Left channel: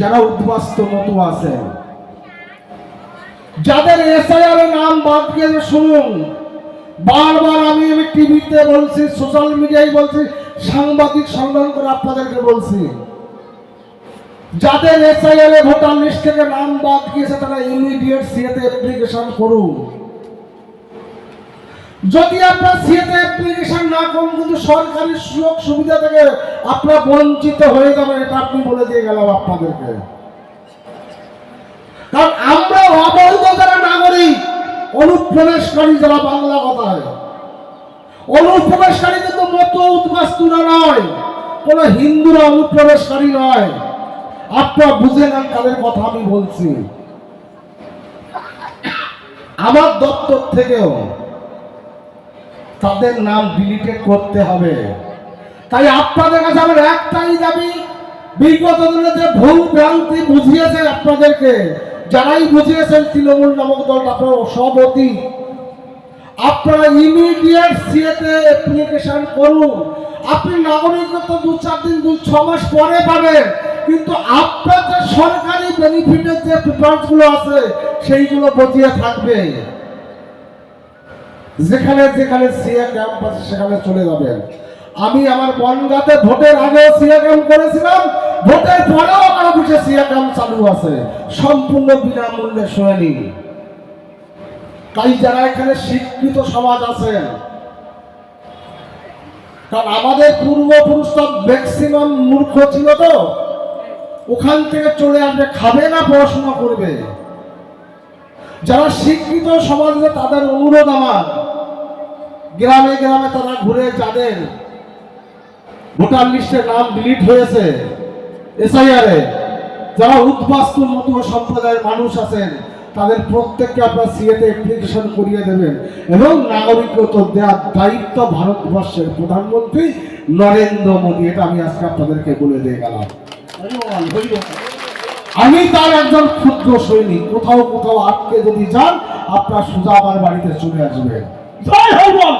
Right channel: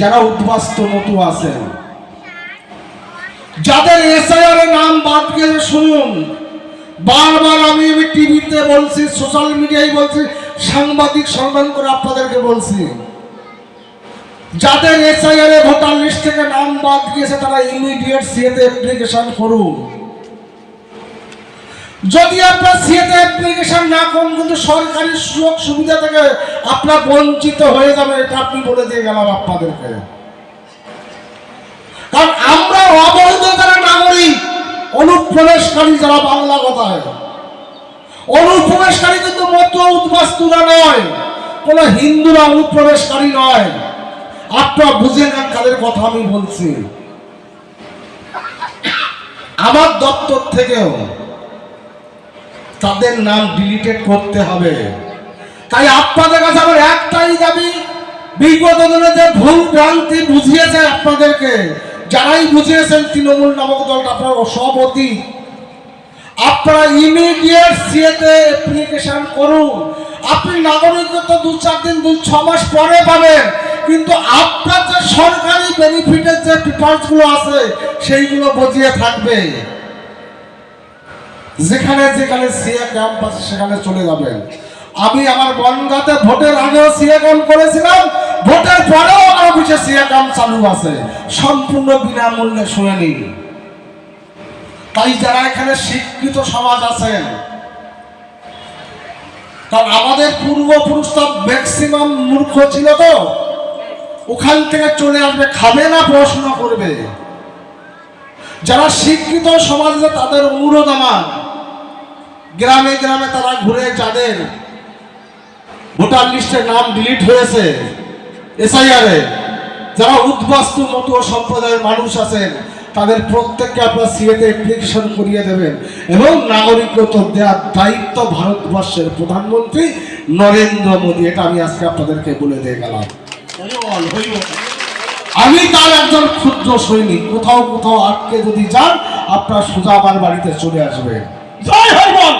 যারা উদ্বাস্তু মতো আছেন, যাদের এসআইআর এর নাম বাদ গিয়েছে, শুনুন, বারবার আমি টিভিতে বলছি, সোশ্যাল মিডিয়ায় বলছি, সাংবাদিক সম্মান করে আপনাদেরকে বলছি, যাদের এসআইআর এ ভোটার লিস্ট থেকে নাম বাদ গিয়েছে তারা ইমিডিয়েট সিএতে অ্যাপ্লিকেশন করুন। যদি আপনার সিএতে অ্যাপ্লিকেশন না করুন কিন্তু সরকারি সুযোগ সুবিধা থেকে আপনারা বঞ্চিত হয়ে যাবেন, এটা আপনি বলে দিয়ে গেলাম আপনাদেরকে। কারণ আমরা অবৈধ যারা নাগরিক, অনুপ্রবেশকারী যারা, বাংলা কথায় অনুপ্রবেশকারী কিন্তু মতো উদ্বাস্তুরা নয়, কোন হিন্দুরা অনুপ্রবেশকারী নয়। আপনারা বুঝে নেন কাদের কথা আমি বলছি। আমার দপ্তর থেকেও তাদের নাম ডিলিটেড করতে হবে। তাই আপনাদের কাছে আমার একটাই দাবি, বিগত দিনে যে ভুল ভ্রান্তি বুঝিয়েছে আপনাদেরকে, যারাই বুঝিয়েছেন তৃণমূল নামক দল, আপনারা সভাপতি, আপনারা ইমিডিয়েট সিএতে অ্যাপ্লিকেশন করুন। আপনি নাগরিকত্ব 2-4 দিন 2-6 মাস পরে পাবেন, কিন্তু আপনার যে সরকারি বেনিফিটের যে পেপারসগুলো আছে সেইগুলো বজিয়ে থাকবে। যেখানে যেখানে সিএ ক্যাম্প আছে সেখানে চলে যাবেন। আমি আমার বনগাঁতে ভোটের আগেও সিএ ক্যাম্প করেছিলাম, ভোটের পরেও আমার অফিসে সিএ ক্যাম্প চালু আছে, সম্পূর্ণ বিনামূল্যে শুনে নিন। তাই যারা এখানে শিক্ষিত সমাজ আছেন, কারণ আমাদের পূর্বপুরুষরা ম্যাক্সিমাম মূর্খ ছিল, তো ওখান থেকে চলে আসবে, খাবে না, পড়াশোনা করবে। যারা শিক্ষিত সমাজ আছে তাদের অনুরোধ আমার, গ্রামে গ্রামে তারা ঘুরে, যাদের ভোটার লিস্টের নাম ডিলিট হয়েছে এসআইআর এ, যারা উদ্বাস্তু মতো সম্প্রদায়ের মানুষ আছেন, তাদের প্রত্যেককে আপনারা সিএতে অ্যাপ্লিকেশন করিয়ে দেবেন এবং নাগরিকত্ব দেওয়ার দায়িত্ব ভারতবর্ষের প্রধানমন্ত্রী নরেন্দ্র মোদী। এটা আমি আজকে আপনাদেরকে বলে দিয়ে গেলাম। আমি তার একজন ক্ষুদ্র সৈনিক, কোথাও কোথাও আটকে যদি যান আপনার সোজা আমার বাড়িতে চলে আসবে। জয় হরি বল।